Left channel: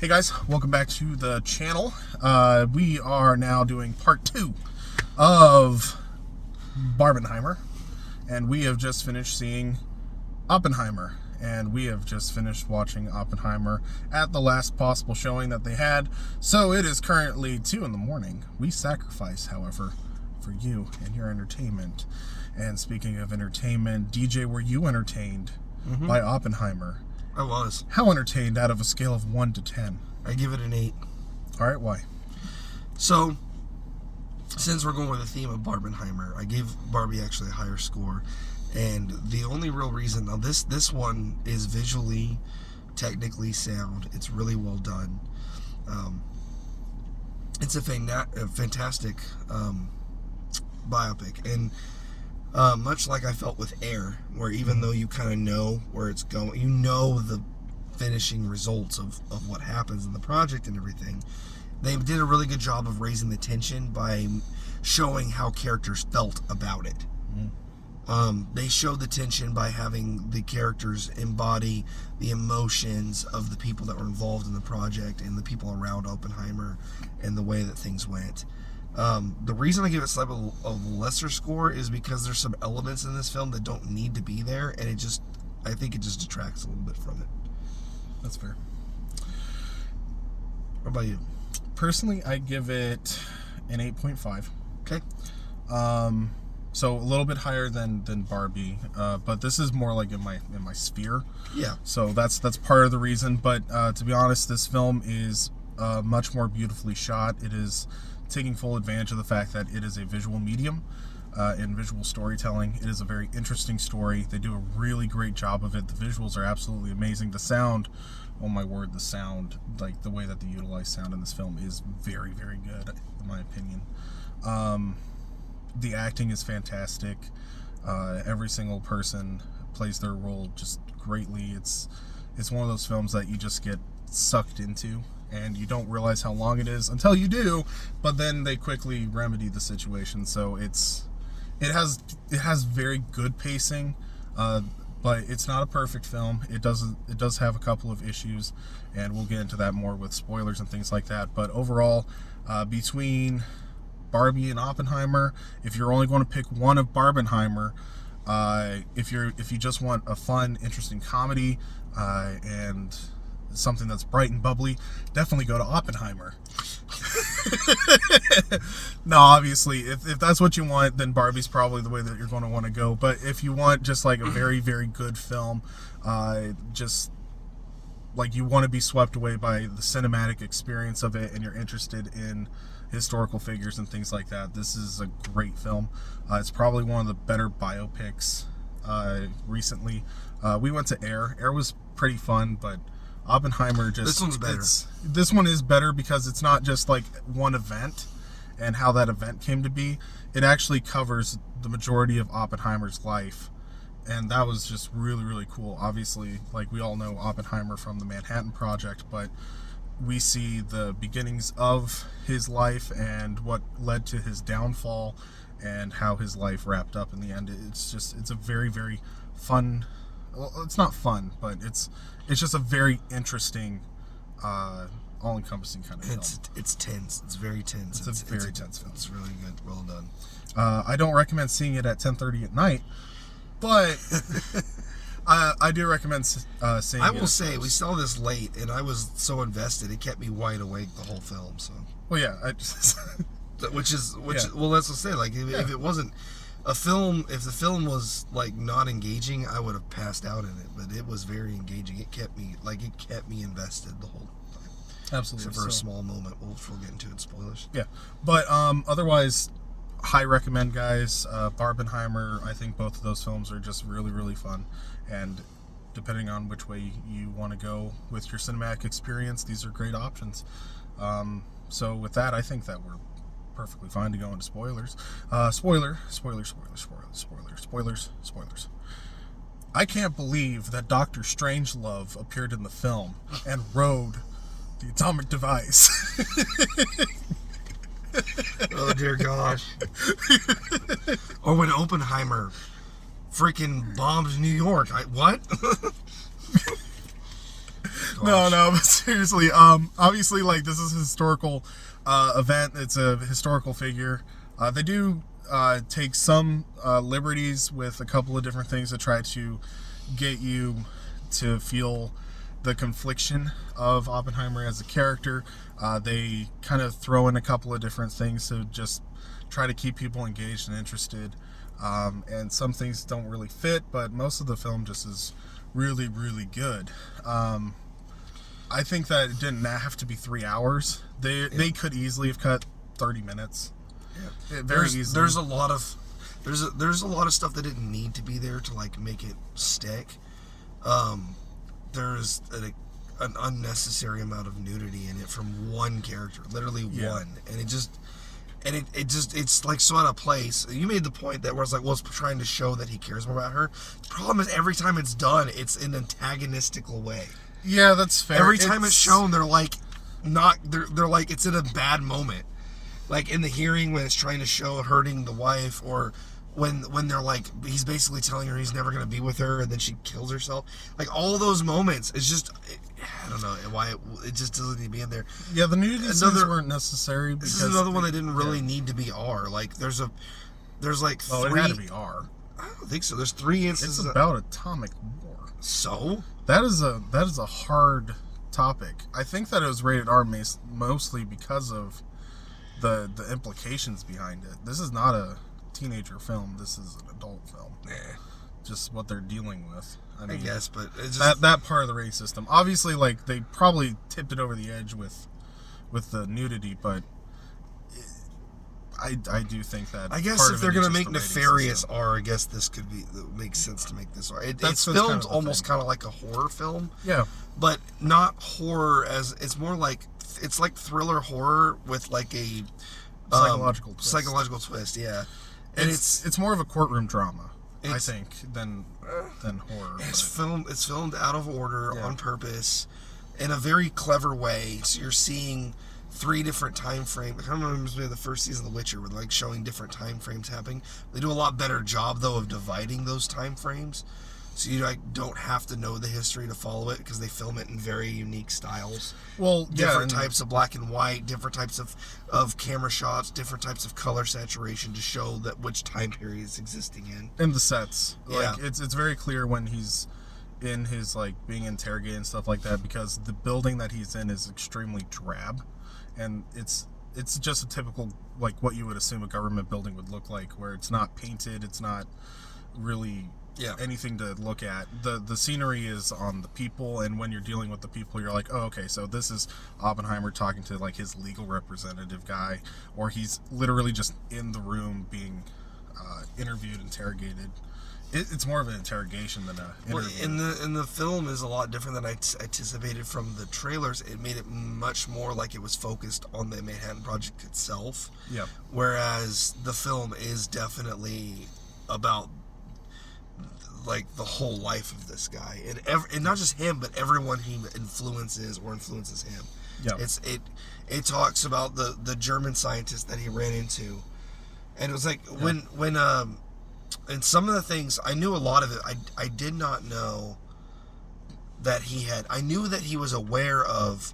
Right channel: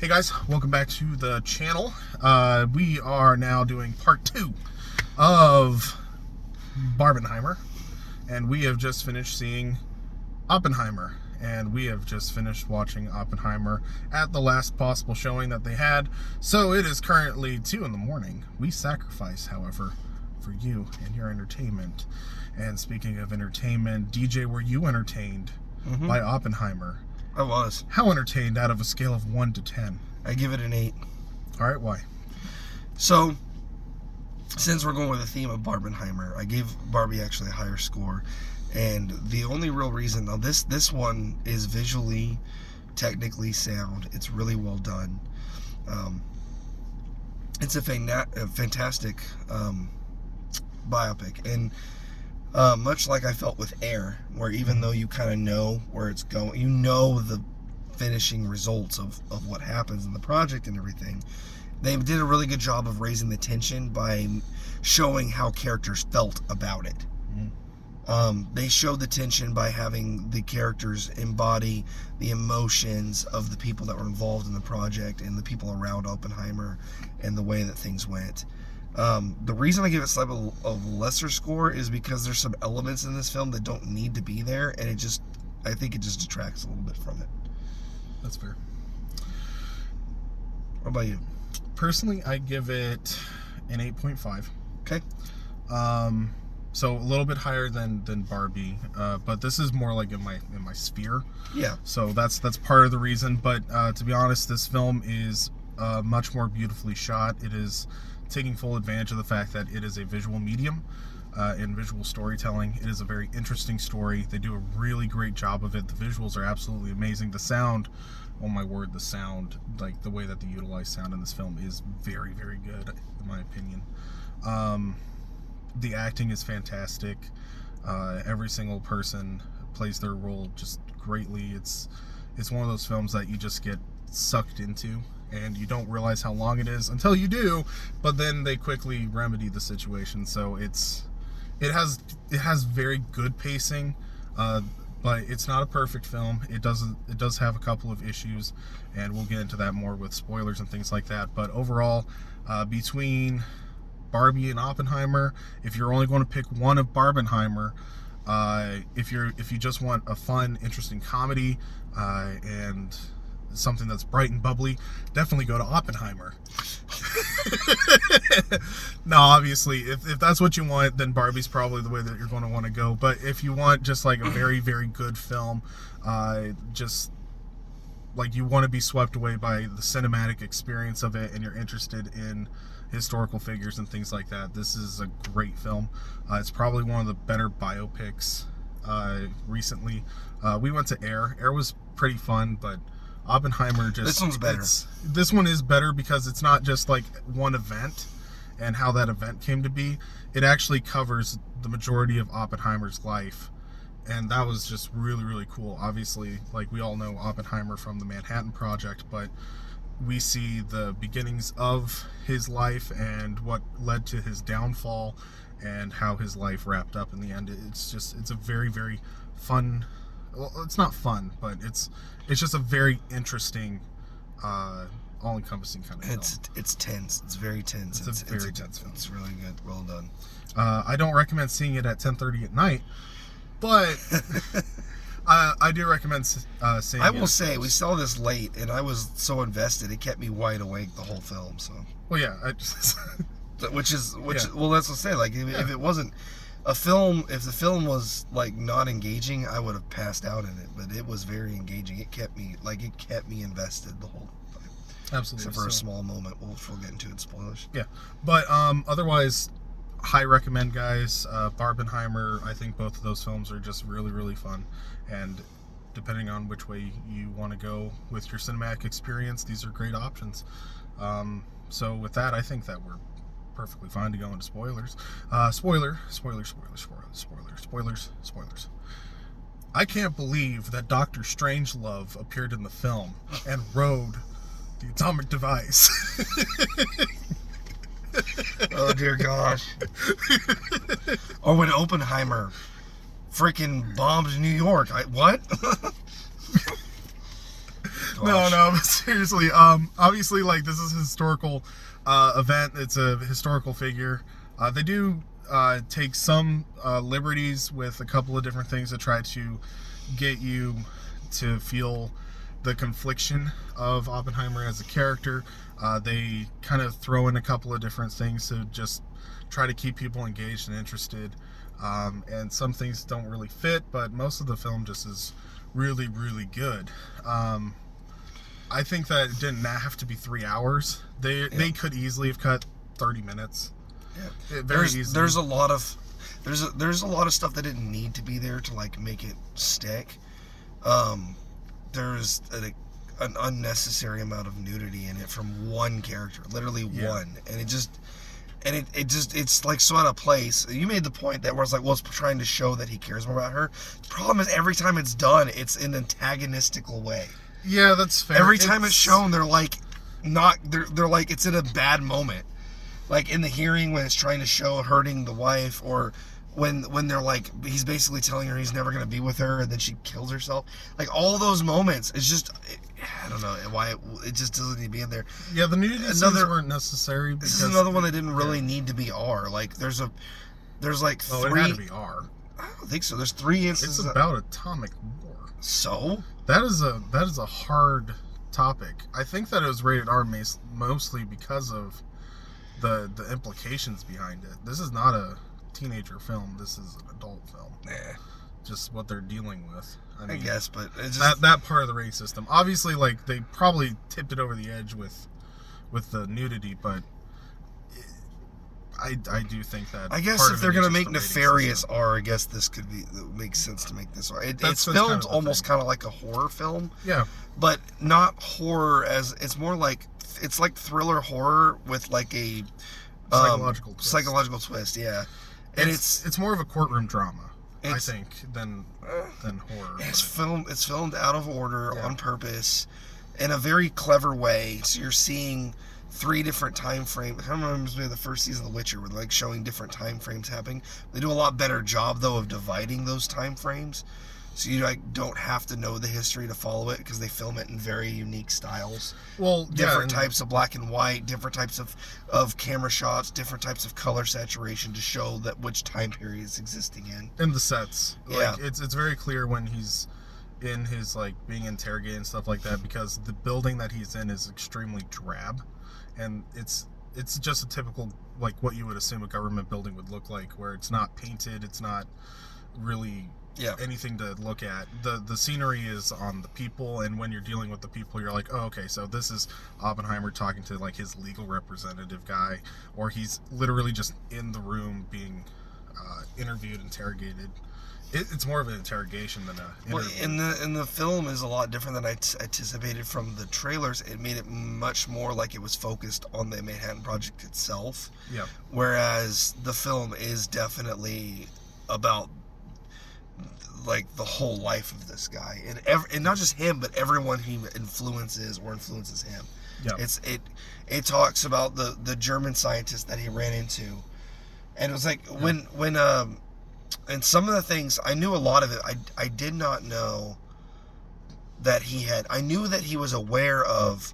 Hey guys, welcome back to the channel. We are now doing part 2 of Barbenheimer, and we have just finished seeing Oppenheimer, and we have just finished watching Oppenheimer at the last possible showing that they had. So it is currently 2 in the morning. We sacrifice, however, for you and your entertainment. And speaking of entertainment, DJ, were you entertained by Oppenheimer? I was. How entertained out of a scale of 1 to 10? I give it an 8. All right, why? So, since we're going with the theme of Barbenheimer, I gave Barbie actually a higher score. And the only real reason, now this one is visually, technically sound. It's really well done. It's a fantastic biopic. And much like I felt with Air, where even though you kind of know where it's going, you know the finishing results of what happens in the project and everything, they did a really good job of raising the tension by showing how characters felt about it. They showed the tension by having the characters embody the emotions of the people that were involved in the project and the people around Oppenheimer and the way that things went. The reason I give it slightly a lesser score is because there's some elements in this film that don't need to be there, and I think it just detracts a little bit from it. That's fair. What about you? Personally, I give it an 8.5. Okay. So a little bit higher than Barbie, but this is more like in my sphere. Yeah. So that's part of the reason. But to be honest, this film is much more beautifully shot. It is taking full advantage of the fact that it is a visual medium and visual storytelling. It is a very interesting story. They do a really great job of it. The visuals are absolutely amazing. The sound, oh my word, the sound, like the way that they utilize sound in this film is very, very good, in my opinion. The acting is fantastic. Every single person plays their role just greatly. It's one of those films that you just get sucked into, and you don't realize how long it is until you do, but then they quickly remedy the situation. So it has very good pacing, but it's not a perfect film. It does have a couple of issues, and we'll get into that more with spoilers and things like that. But overall, between Barbie and Oppenheimer, if you're only going to pick one of Barbenheimer, if you just want a fun, interesting comedy and something that's bright and bubbly, definitely go to Oppenheimer. No, obviously, if that's what you want, then Barbie's probably the way that you're going to want to go. But if you want just like a very, very good film, just like you want to be swept away by the cinematic experience of it, and you're interested in historical figures and things like that, this is a great film. It's probably one of the better biopics recently. We went to Air. Air was pretty fun, but Oppenheimer just... This one's better. This one is better because it's not just like one event and how that event came to be. It actually covers the majority of Oppenheimer's life, and that was just really, really cool. Obviously, like we all know Oppenheimer from the Manhattan Project, but we see the beginnings of his life and what led to his downfall and how his life wrapped up in the end. It's a very, very fun... Well, it's not fun, but it's just a very interesting, all-encompassing kind of film. It's tense. It's very tense. It's a very tense film. It's really good. Well done. I don't recommend seeing it at 10:30 at night, but I do recommend seeing it. I will say, we saw this late, and I was so invested, it kept me wide awake the whole film. So. Well, yeah. Well, that's what I say. Like, if it wasn't a film, if the film was like not engaging, I would have passed out in it. But it was very engaging. It kept me invested the whole time. Absolutely. Except for a small moment, we'll get into it. Spoilers. Yeah, but otherwise, high recommend, guys. Barbenheimer. I think both of those films are just really, really fun, and depending on which way you want to go with your cinematic experience, these are great options. So with that, I think that we're perfectly fine to go into spoilers. Spoilers. I can't believe that Dr. Strangelove appeared in the film and rode the atomic device. Oh dear gosh. Or when Oppenheimer freaking bombs New York. What? No, but seriously, obviously, like, this is a historical event. It's a historical figure. They do take some liberties with a couple of different things to try to get you to feel the confliction of Oppenheimer as a character. They kind of throw in a couple of different things to just try to keep people engaged and interested. And some things don't really fit, but most of the film just is really, really good. I think that it didn't have to be 3 hours. They could easily have cut 30 minutes. Yeah. Very easily. There's a lot of stuff that didn't need to be there to like make it stick. There's an unnecessary amount of nudity in it from one character, literally one, and it's like so out of place. You made the point that where it's like, well, it's trying to show that he cares more about her. The problem is every time it's done, it's in an antagonistical way. Yeah, that's fair. Every time it's shown, they're like it's in a bad moment. Like in the hearing when it's trying to show hurting the wife, or when they're like, he's basically telling her he's never going to be with her, and then she kills herself. Like all those moments, it's just, I don't know why it just doesn't need to be in there. Yeah, the nudity scenes weren't necessary. This is another one that didn't really need to be R. Like there's like it three. had to be R. I don't think so. There's 3 instances. It's about atomic war. So that is a hard topic. I think that it was rated R mostly because of the implications behind it. This is not a teenager film. This is an adult film. Just what they're dealing with. I mean, guess, but it's just, that part of the rating system. Obviously, like they probably tipped it over the edge with the nudity, but I do think that. I guess if they're gonna make nefarious R, I guess this could be makes sense to make this R. It's filmed almost kind of like a horror film. Yeah, but not horror as it's more like it's like thriller horror with like a psychological twist. Yeah, and it's more of a courtroom drama, I think, than horror. It's filmed out of order on purpose in a very clever way. So you're seeing 3 different time frames. I remember the first season of The Witcher, where they're like showing different time frames happening. They do a lot better job though of dividing those time frames, so you like don't have to know the history to follow it, because they film it in very unique styles. Well, different types of black and white, different types of camera shots, different types of color saturation to show that which time period it's existing in. And the sets, yeah, like, it's very clear when he's in his like being interrogated and stuff like that, because the building that he's in is extremely drab, and it's just a typical like what you would assume a government building would look like, where it's not painted, it's not really anything to look at. The scenery is on the people, and when you're dealing with the people, you're like, oh, okay, so this is Oppenheimer talking to like his legal representative guy, or he's literally just in the room being interviewed, interrogated. It's more of an interrogation than a interview. Well, and the film is a lot different than I anticipated from the trailers. It made it much more like it was focused on the Manhattan Project itself. Yeah. Whereas the film is definitely about like the whole life of this guy, and not just him, but everyone he influences him. Yeah. It talks about the German scientist that he ran into, and it was like when and some of the things I knew a lot of it. I did not know that he had. I knew that he was aware of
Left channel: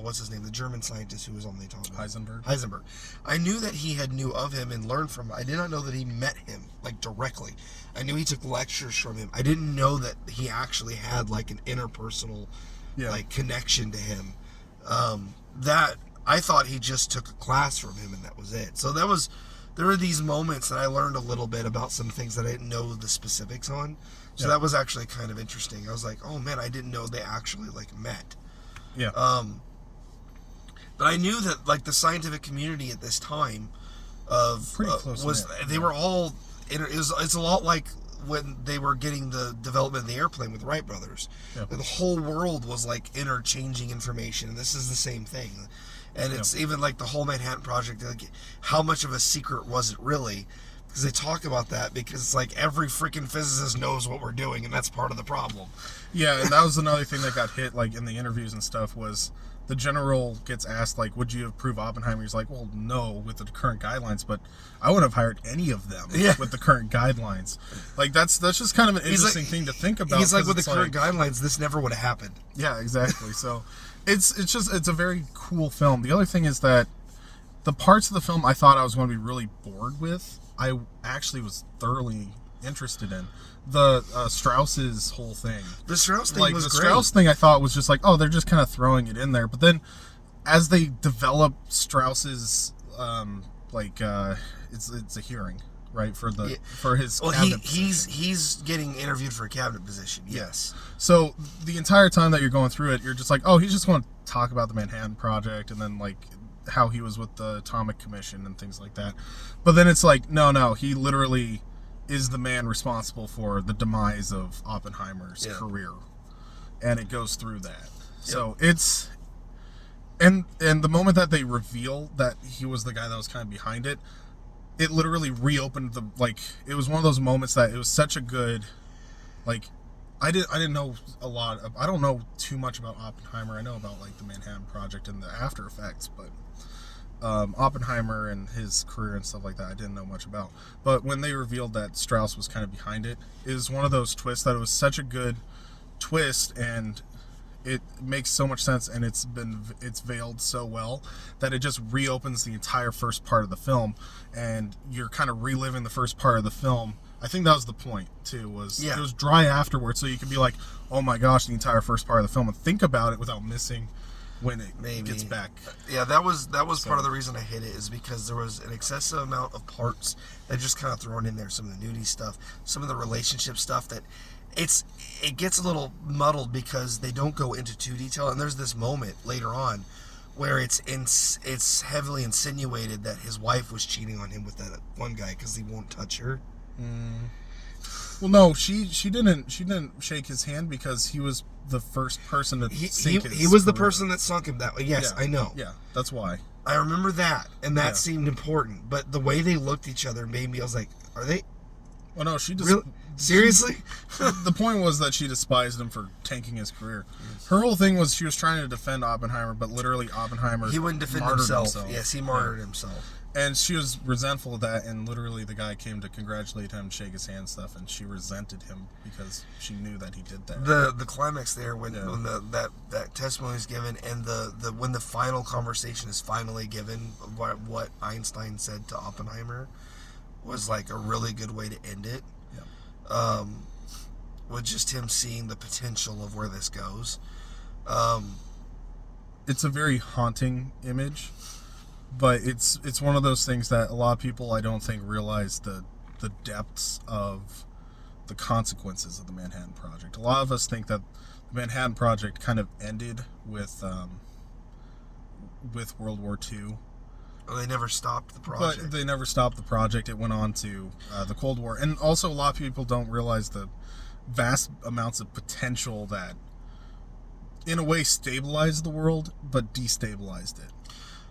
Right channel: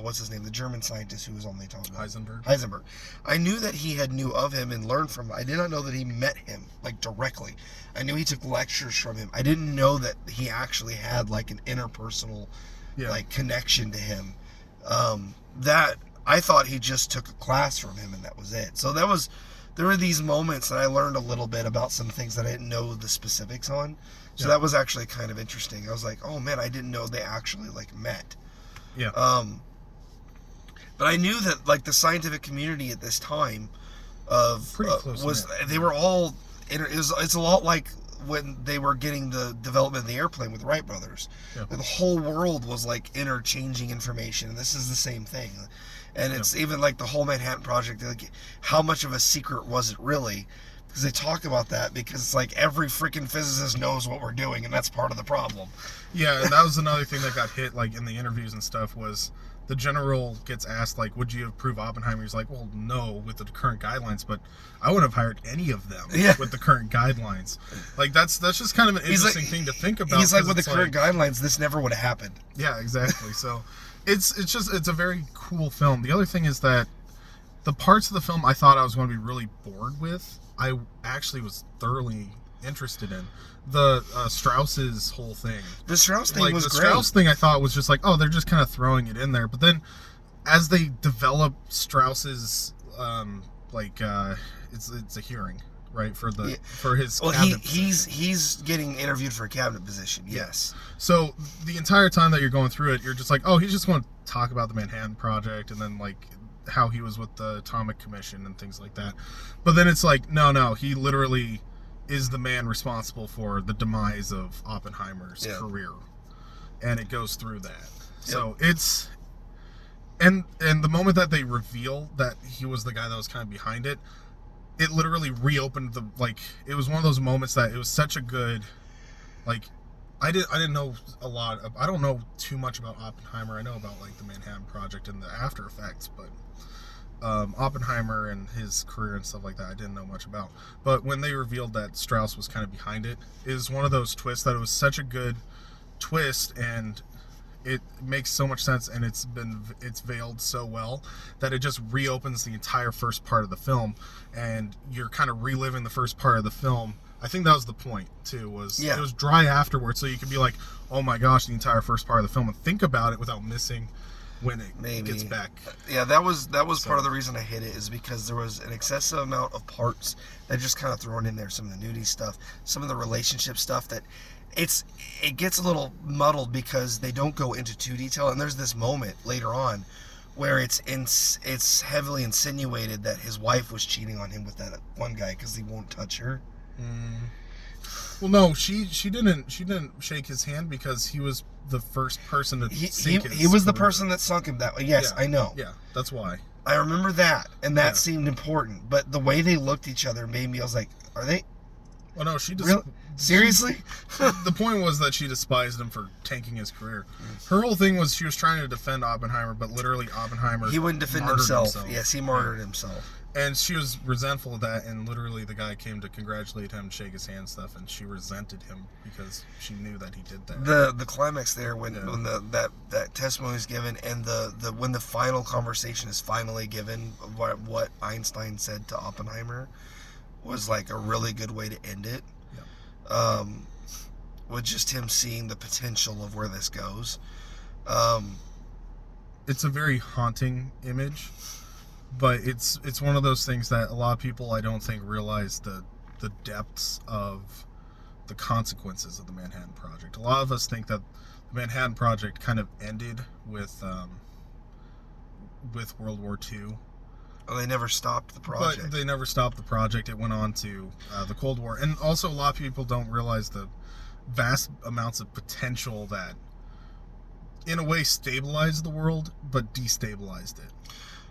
what's his name, the German scientist who was on the talk about Heisenberg. I knew that he had knew of him and learned from him. I did not know that he met him like directly. I knew he took lectures from him. I didn't know that he actually had like an interpersonal like connection to him. That I thought he just took a class from him and that was it. So there were these moments that I learned a little bit about some things that I didn't know the specifics on. So that was actually kind of interesting. I was like, oh man, I didn't know they actually like met. Yeah. But I knew that like the scientific community at this time they were all. It's a lot like when they were getting the development of the airplane with Wright brothers. Yeah. The whole world was like interchanging information, and this is the same thing. And it's even like the whole Manhattan Project. Like, how much of a secret was it really? because they talk about that, because it's like every freaking physicist knows what we're doing, and that's part of the problem. Yeah, and that was another thing that got hit, like, in the interviews and stuff, was the general gets asked, like, would you approve Oppenheimer? He's like, well, no, with the current guidelines, but I wouldn't have hired any of them with the current guidelines. Like, that's just kind of an interesting thing to think about. He's like, with the current guidelines, this never would have happened. Yeah, exactly. So it's a very cool film. The other thing is that the parts of the film I thought I was going to be really bored with, I actually was thoroughly interested in. The Strauss's whole thing. The Strauss thing was the great. Strauss thing I thought was just like, oh, they're just kind of throwing it in there. But then as they develop Strauss's, it's a hearing, right, for his cabinet position. He's getting interviewed for a cabinet position, yes. So the entire time that you're going through it, you're just like, oh, he's just going to talk about the Manhattan Project and then, like, how he was with the Atomic Commission and things like that. But then it's like, no, he literally is the man responsible for the demise of Oppenheimer's career, and it goes through that. So it's and the moment that they reveal that he was the guy that was kind of behind it, it literally reopened the, like, it was one of those moments that it was such a good, like, I didn't know a lot of, I don't know too much about Oppenheimer. I know about, like, the Manhattan Project and the after effects, but Oppenheimer and his career and stuff like that, I didn't know much about. But when they revealed that Strauss was kind of behind it, is one of those twists that it was such a good twist, and it makes so much sense, and it's veiled so well that it just reopens the entire first part of the film, and you're kind of reliving the first part of the film. I think that was the point too, was it was dry afterwards, so you could be like, oh my gosh, the entire first part of the film, and think about it without missing when it gets back. Yeah, that was part of the reason I hit it, is because there was an excessive amount of parts that just kind of thrown in there. Some of the nudity stuff, some of the relationship stuff, that it gets a little muddled because they don't go into too detail. And there's this moment later on where it's heavily insinuated that his wife was cheating on him with that one guy because he won't touch her. Well, no, she didn't shake his hand because he was the first person to sink his he was the career. person that sunk him that way. Yes, I know. Yeah, that's why. I remember that, and that seemed important. But the way they looked at each other made me, I was like, are they? Well, no, she just really? Seriously? The point was that she despised him for tanking his career. Her whole thing was she was trying to defend Oppenheimer, but literally Oppenheimer, he wouldn't defend himself. Yes, he martyred himself. And she was resentful of that, and literally the guy came to congratulate him, shake his hand and stuff, and she resented him because she knew that he did that. The climax there when that testimony is given, and the when the final conversation is finally given, what Einstein said to Oppenheimer was like a really good way to end it. Yeah. With just him seeing the potential of where this goes. It's a very haunting image. But it's one of those things that a lot of people, I don't think, realize the depths of the consequences of the Manhattan Project. A lot of us think that the Manhattan Project kind of ended with World War II. Oh, they never stopped the project. But they never stopped the project. It went on to the Cold War. And also a lot of people don't realize the vast amounts of potential that, in a way, stabilized the world, but destabilized it.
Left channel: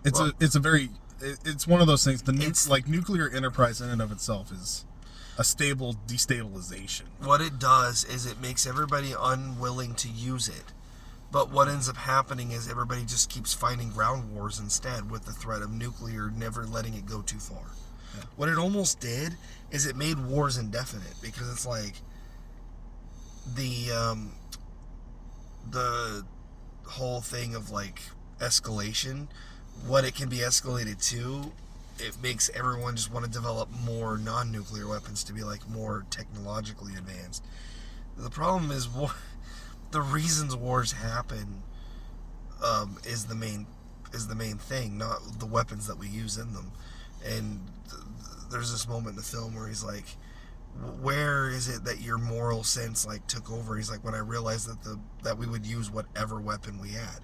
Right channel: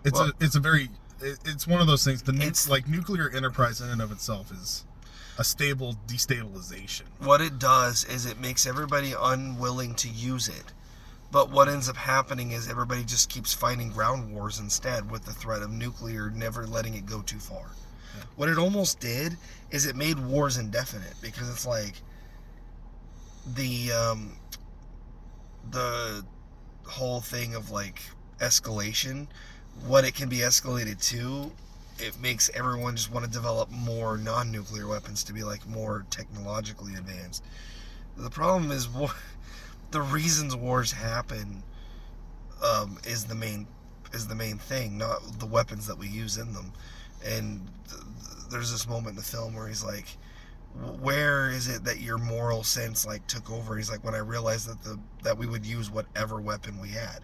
It's one of those things. Like nuclear enterprise in and of itself is a stable destabilization. What it does is it makes everybody unwilling to use it. But what ends up happening is everybody just keeps fighting ground wars instead, with the threat of nuclear never letting it go too far. Yeah. What it almost did is it made wars indefinite, because it's like the whole thing of like escalation. What it can be escalated to, it makes everyone just want to develop more non-nuclear weapons to be like more technologically advanced. The problem is the reasons wars happen is the main thing, not the weapons that we use in them. And there's this moment in the film where he's like, where is it that your moral sense like took over? He's like, when I realized that we would use whatever weapon we had.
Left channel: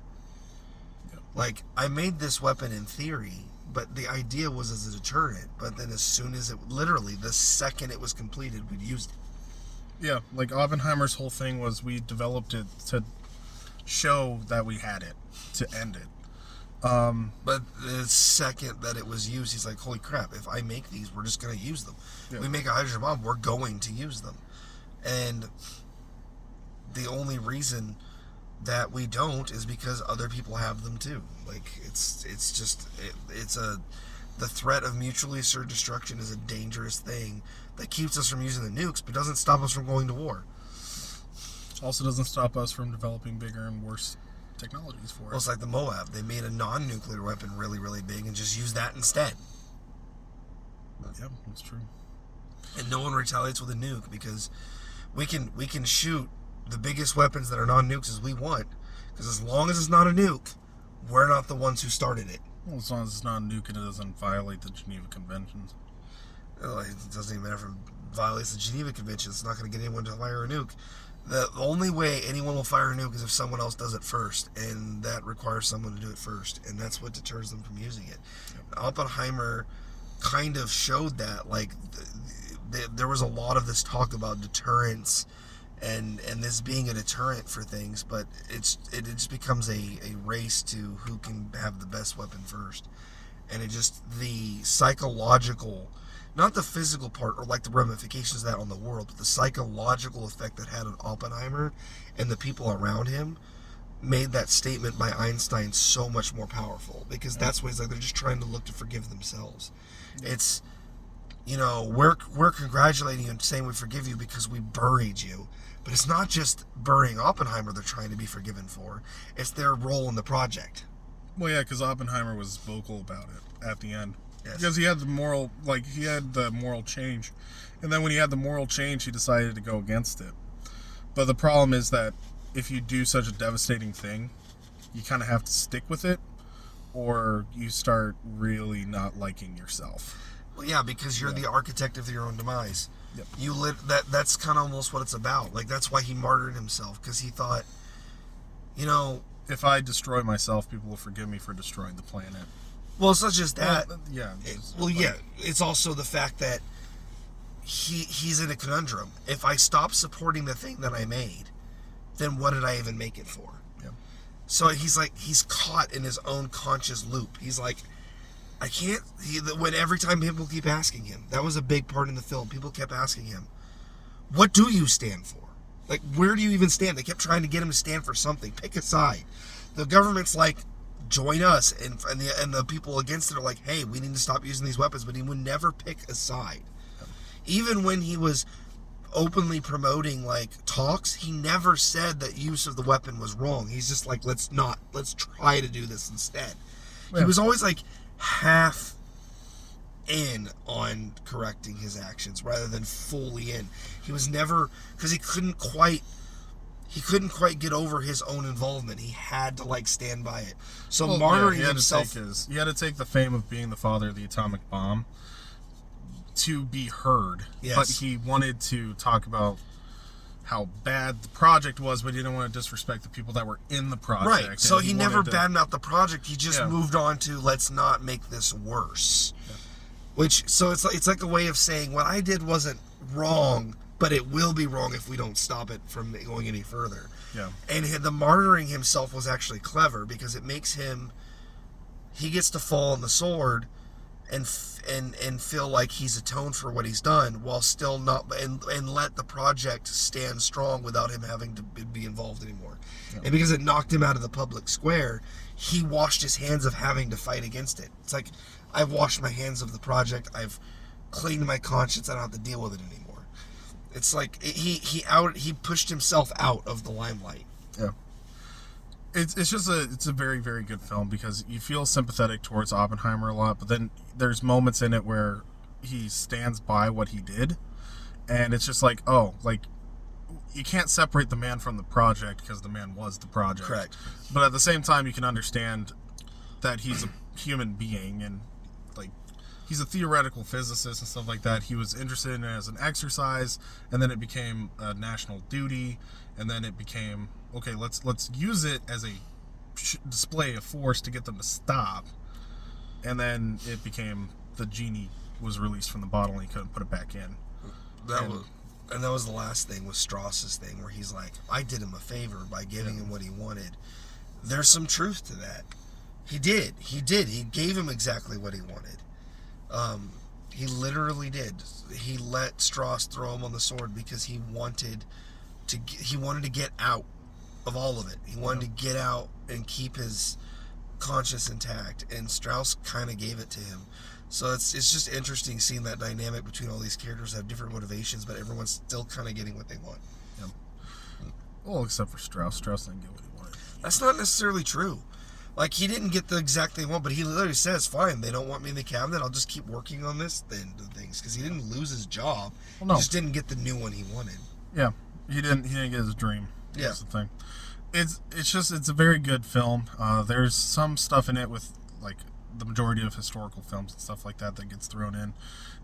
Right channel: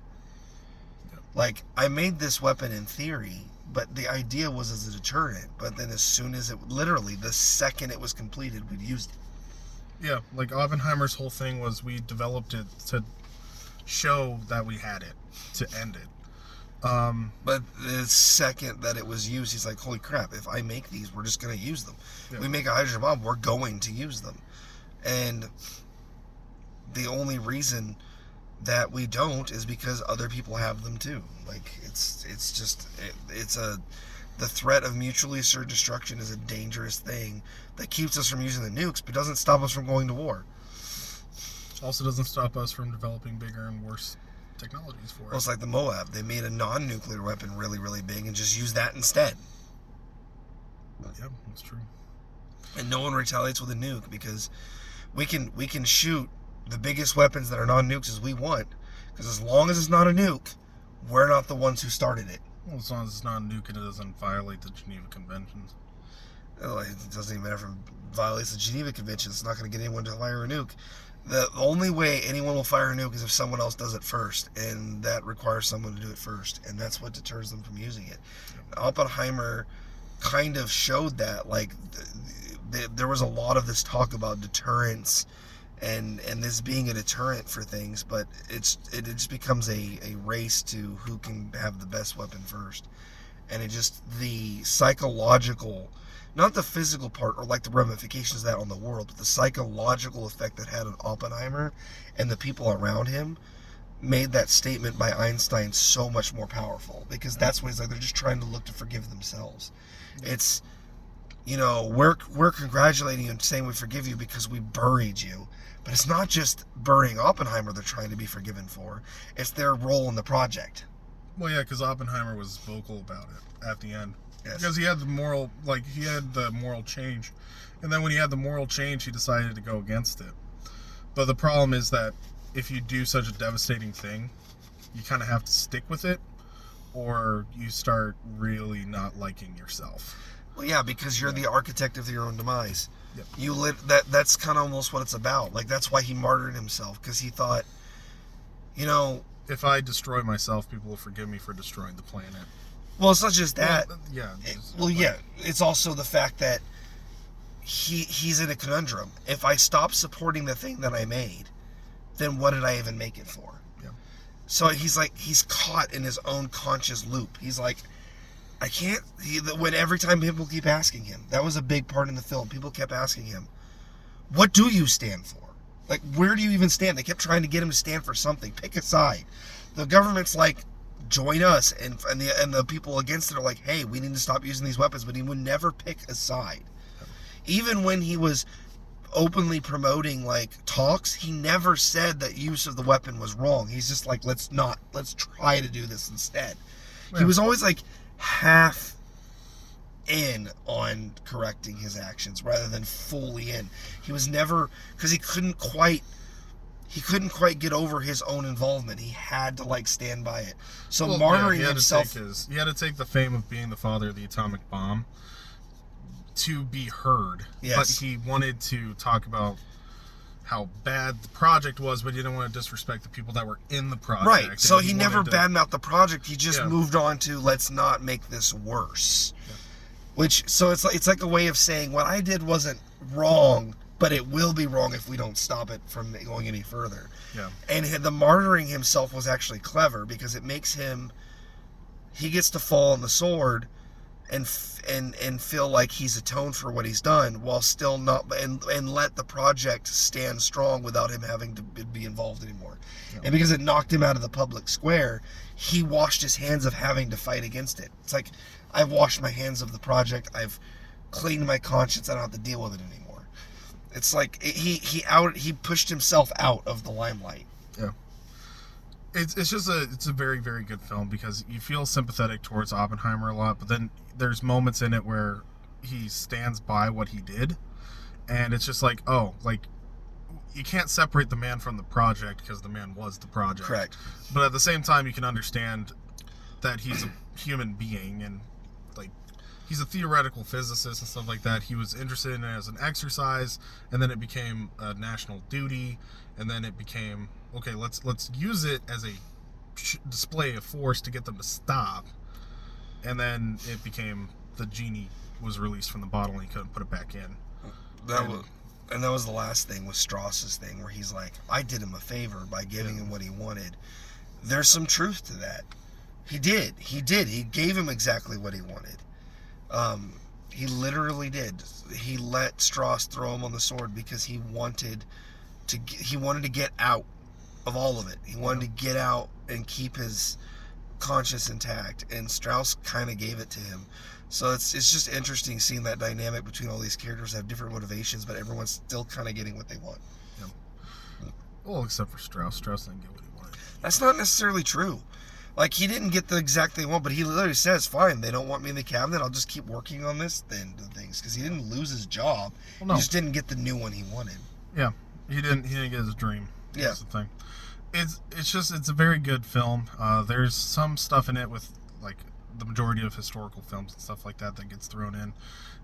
Like, I made this weapon in theory, but the idea was as a deterrent. But then as soon as literally, the second it was completed, we'd used it. Yeah, like Oppenheimer's whole thing was we developed it to show that we had it, to end it. But the second that it was used, he's like, holy crap, if I make these, we're just going to use them. Yeah. We make a hydrogen bomb, we're going to use them. And the only reason that we don't is because other people have them too. Like, the threat of mutually assured destruction is a dangerous thing that keeps us from using the nukes, but doesn't stop us from going to war. Also doesn't stop us from developing bigger and worse technologies for it. Well, it's like the Moab. They made a non-nuclear weapon really, really big and just used that instead. Yeah, that's true. And no one retaliates with a nuke because we can shoot the biggest weapons that are non-nukes as we want, because as long as it's not a nuke, we're not the ones who started it. Well, as long as it's not a nuke and it doesn't violate the Geneva Conventions. Well, it doesn't even matter if it violates the Geneva Convention. It's not going to get anyone to fire a nuke. The only way anyone will fire a nuke is if someone else does it first, and that requires someone to do it first, and that's what deters them from using it. Oppenheimer kind of showed that. Like, there was a lot of this talk about deterrence and this being a deterrent for things, but it just becomes a race to who can have the best weapon first. And it just, the psychological, not the physical part or like the ramifications of that on the world, but the psychological effect that had on Oppenheimer and the people around him made that statement by Einstein so much more powerful, because that's what he's like, they're just trying to look to forgive themselves. It's, you know, we're congratulating you and saying we forgive you because we buried you. But it's not just burying Oppenheimer they're trying to be forgiven for. It's their role in the project. Well, yeah, because Oppenheimer was vocal about it at the end. Yes. Because he had the moral change. And then when he had the moral change, he decided to go against it. But the problem is that if you do such a devastating thing, you kind of have to stick with it, or you start really not liking yourself. Well, yeah, because you're the architect of your own demise. Yep. You live that's kind of almost what it's about. Like, that's why he martyred himself, because he thought, you know, if I destroy myself, people will forgive me for destroying the planet. Well, it's not just that. Yeah. It's also the fact that he's in a conundrum. If I stop supporting the thing that I made, then what did I even make it for? Yeah. So he's caught in his own conscious loop. He's like, I can't. When every time people keep asking him, that was a big part in the film. People kept asking him, "What do you stand for? Like, where do you even stand?" They kept trying to get him to stand for something. Pick a side. The government's like, "Join us," and the people against it are like, "Hey, we need to stop using these weapons." But he would never pick a side. Even when he was openly promoting like talks, he never said that use of the weapon was wrong. He's just like, let's try to do this instead. Yeah. He was always like half in on correcting his actions rather than fully in. He was never, because he couldn't quite get over his own involvement. He had to like stand by it. So martyring himself, he had to take the fame of being the father of the atomic bomb to be heard. Yes. But he wanted to talk about how bad the project was, but he didn't want to disrespect the people that were in the project. Right. So he never badmouthed the project. He just moved on to, let's not make this worse. Yeah. Which, so it's like a way of saying what I did wasn't wrong, but it will be wrong if we don't stop it from going any further. Yeah. And the martyring himself was actually clever, because it makes him, he gets to fall on the sword and feel like he's atoned for what he's done, while still not, and let the project stand strong without him having to be involved anymore. Yeah. And because it knocked him out of the public square, he washed his hands of having to fight against it. It's like, I've washed my hands of the project, I've cleaned my conscience, I don't have to deal with it anymore. It's like he pushed himself out of the limelight. Yeah. It's a very, very good film, because you feel sympathetic towards Oppenheimer a lot, but then there's moments in it where he stands by what he did, and it's just like, oh, like, you can't separate the man from the project, because the man was the project. Correct. But at the same time, you can understand that he's a human being, and like, he's a theoretical physicist and stuff like that. He was interested in it as an exercise, and then it became a national duty, and then it became, okay, let's use it as a display of force to get them to stop. And then it became, the genie was released from the bottle and he couldn't put it back in. And that was the last thing with Strauss's thing, where he's like, I did him a favor by giving him what he wanted. There's some truth to that. He did. He gave him exactly what he wanted. He literally did. He let Strauss throw him on the sword because he wanted to get out of all of it. He wanted to get out and keep his conscience intact, and Strauss kind of gave it to him. So it's just interesting seeing that dynamic between all these characters that have different motivations, but everyone's still kind of getting what they want. Yeah. Well, except for Strauss. Strauss didn't get what he wanted. That's not necessarily true. Like, he didn't get the exact thing he wanted, but he literally says, fine, they don't want me in the cabinet, I'll just keep working on this things, because he didn't lose his job. Well, no. He just didn't get the new one he wanted. Yeah, he didn't get his dream. Yeah. That's the thing. It's a very good film. There's some stuff in it with, like, the majority of historical films and stuff like that gets thrown in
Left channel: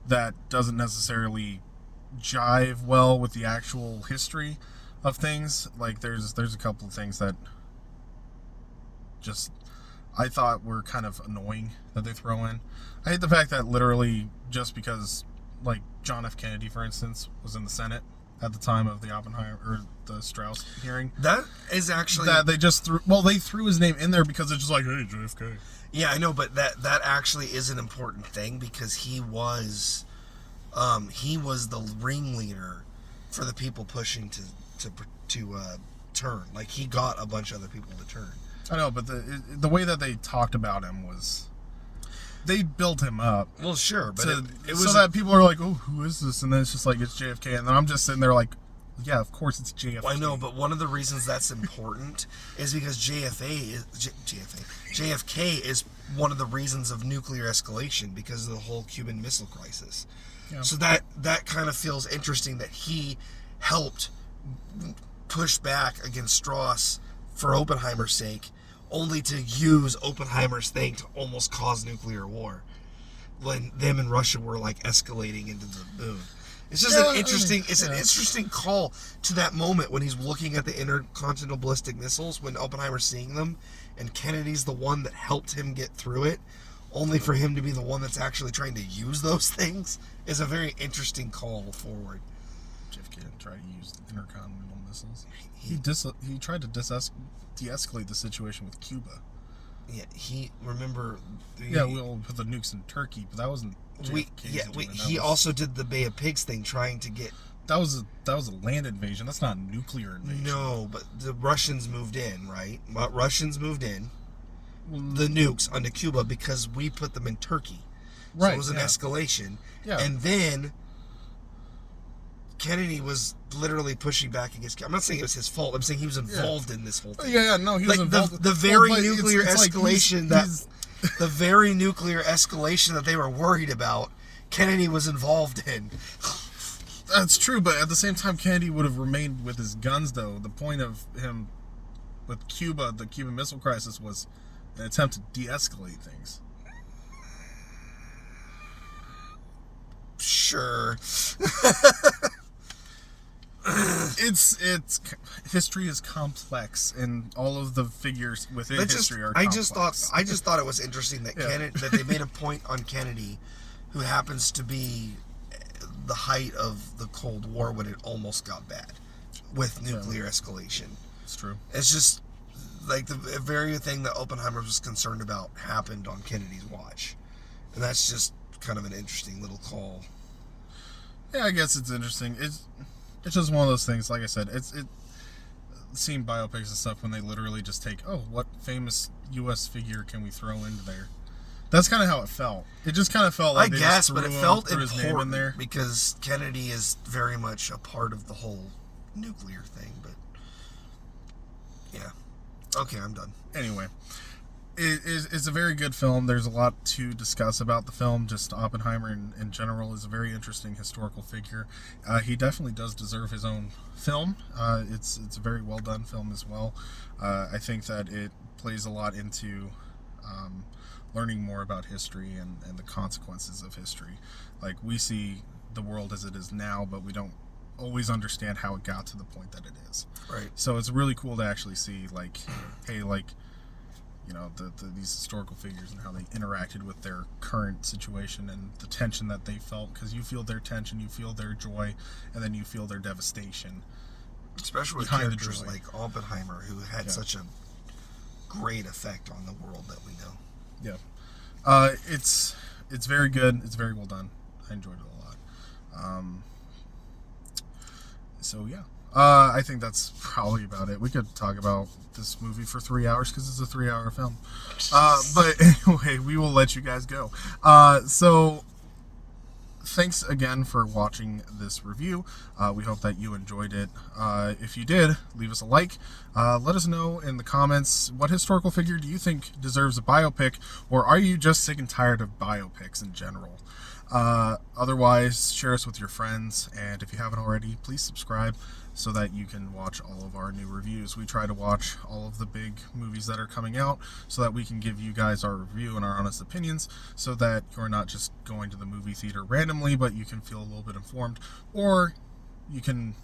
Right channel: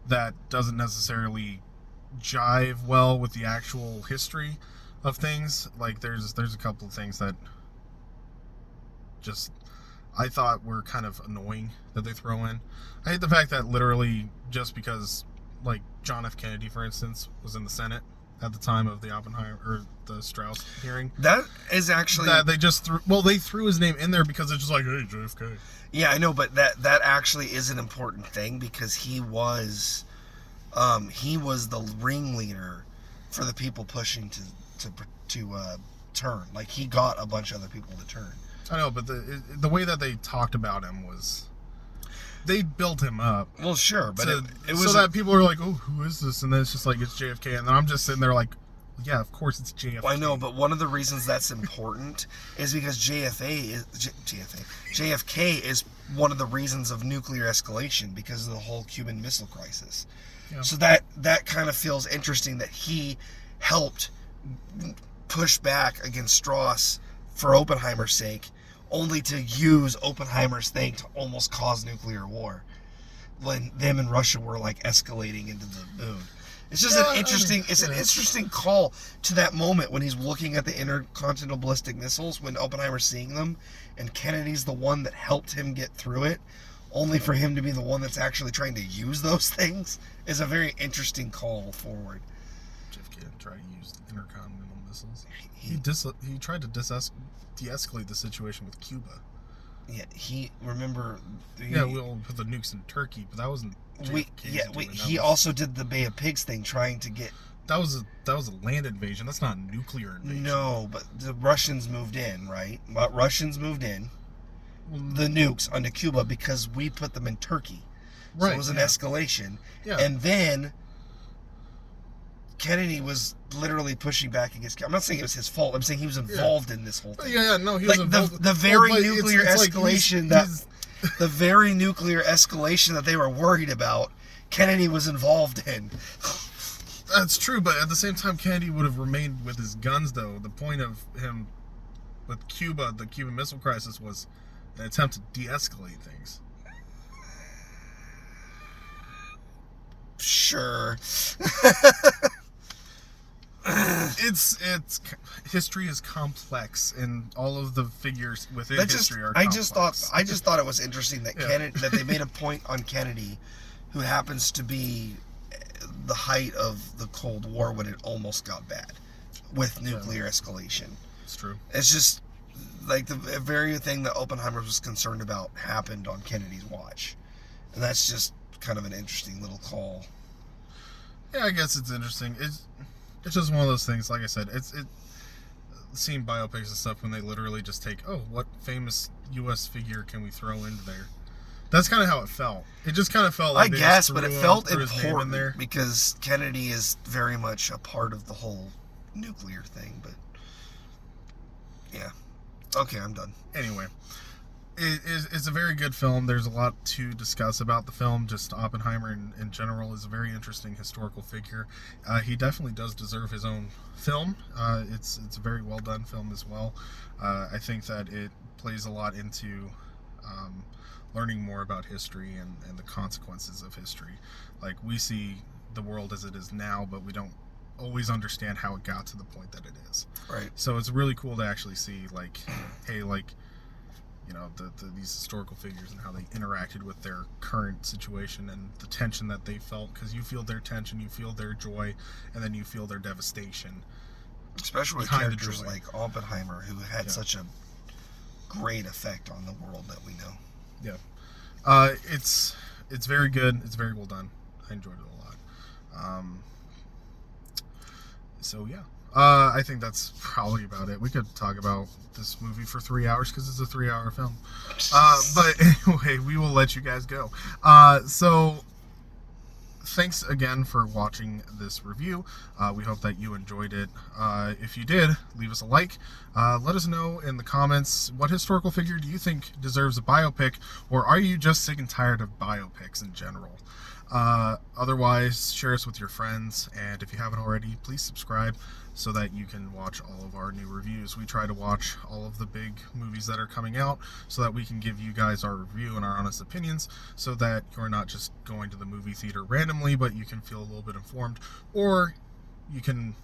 that doesn't necessarily jive well with the actual history of things. Like, there's a couple of things that just I thought were kind of annoying that they throw in. I hate the fact that literally just because, like, John F. Kennedy, for instance, was in the Senate at the time of the Oppenheimer or the Strauss hearing. That is actually that they just threw his name in there because it's just like, hey, JFK. Yeah, I know, but that actually is an important thing because he was the ringleader for the people pushing to turn. Like, he got a bunch of other people to turn. I know, but the way that they talked about him was they built him up. Well, sure, but it was so that people are like, oh, who is this? And then it's just like, it's JFK, and then I'm just sitting there like, yeah, of course it's JFK. Well, I know, but one of the reasons that's important is because JFK is one of the reasons of nuclear escalation because of the whole Cuban Missile Crisis. Yeah. So that kind of feels interesting that he helped push back against Strauss for Oppenheimer's sake, only to use Oppenheimer's thing to almost cause nuclear war when them and Russia were like escalating into the moon. It's just an interesting call to that moment when he's looking at the intercontinental ballistic missiles when Oppenheimer's seeing them, and Kennedy's the one that helped him get through it, only for him to be the one that's actually trying to use those things, is a very interesting call forward. JFK tried to use the intercontinental missiles. He tried to de-escalate the situation with Cuba. Yeah, we'll put the nukes in Turkey, but that wasn't. He also did the Bay of Pigs thing, trying to get. That was a land invasion. That's not a nuclear invasion. No, but the Russians moved in, right? But Russians moved in the nukes onto Cuba because we put them in Turkey. So it was an escalation. Yeah. And then Kennedy was literally pushing back against. I'm not saying it was his fault. I'm saying he was involved in this whole thing. Yeah, no, he was involved. The very nuclear escalation the very nuclear escalation that they were worried about, Kennedy was involved in. That's true, but at the same time, Kennedy would have remained with his guns, though. The point of him with Cuba, the Cuban Missile Crisis, was an attempt to de-escalate things. Sure. It's history is complex, and all of the figures within history are complex. I just thought it was interesting that that they made a point on Kennedy, who happens to be the height of the Cold War when it almost got bad with nuclear escalation. It's true. It's just like the very thing that Oppenheimer was concerned about happened on Kennedy's watch, and that's just kind of an interesting little call. Yeah, I guess it's interesting. It's just one of those things. Like I said, seeing biopics and stuff when they literally just take, what famous U.S. figure can we throw into there? That's kind of how it felt. It just kind of felt like but it felt important there because Kennedy is very much a part of the whole nuclear thing. But yeah, okay, I'm done. Anyway. It's a very good film. There's a lot to discuss about the film. Just Oppenheimer in general is a very interesting historical figure. He definitely does deserve his own film. It's a very well done film as well. I think that it plays a lot into learning more about history and the consequences of history. Like, we see the world as it is now, but we don't always understand how it got to the point that it is. Right. So it's really cool to actually see, like, hey, like, you know, these historical figures and how they interacted with their current situation and the tension that they felt, because you feel their tension, you feel their joy, and then you feel their devastation. Especially with characters like Oppenheimer, who had such a great effect on the world that we know. Yeah. It's very good. It's very well done. I enjoyed it a lot. So yeah. I think that's probably about it. We could talk about this movie for 3 hours because it's a 3-hour film. But anyway, we will let you guys go. So thanks again for watching this review. We hope that you enjoyed it. If you did, leave us a like. Let us know in the comments, what historical figure do you think deserves a biopic, or are you just sick and tired of biopics in general? Otherwise, share us with your friends, and if you haven't already, please subscribe so that you can watch all of our new reviews. We try to watch all of the big movies that are coming out so that we can give you guys our review and our honest opinions, so that you're not just going to the movie theater randomly, but you can feel a little bit informed, or you can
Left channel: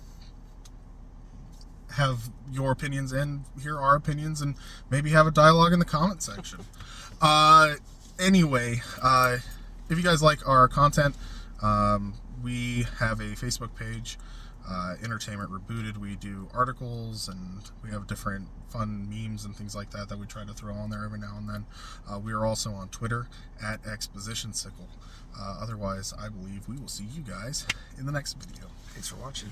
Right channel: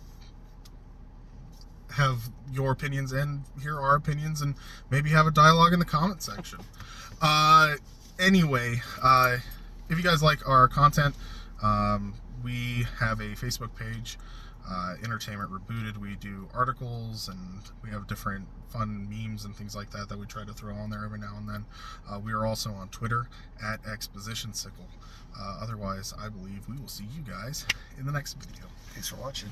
have your opinions and hear our opinions and maybe have a dialogue in the comment section. Anyway, if you guys like our content, we have a Facebook page, Entertainment Rebooted. We do articles and we have different fun memes and things like that we try to throw on there every now and then. We are also on Twitter at ExpositionSickle. Otherwise, I believe we will see you guys in the next video. Thanks for watching.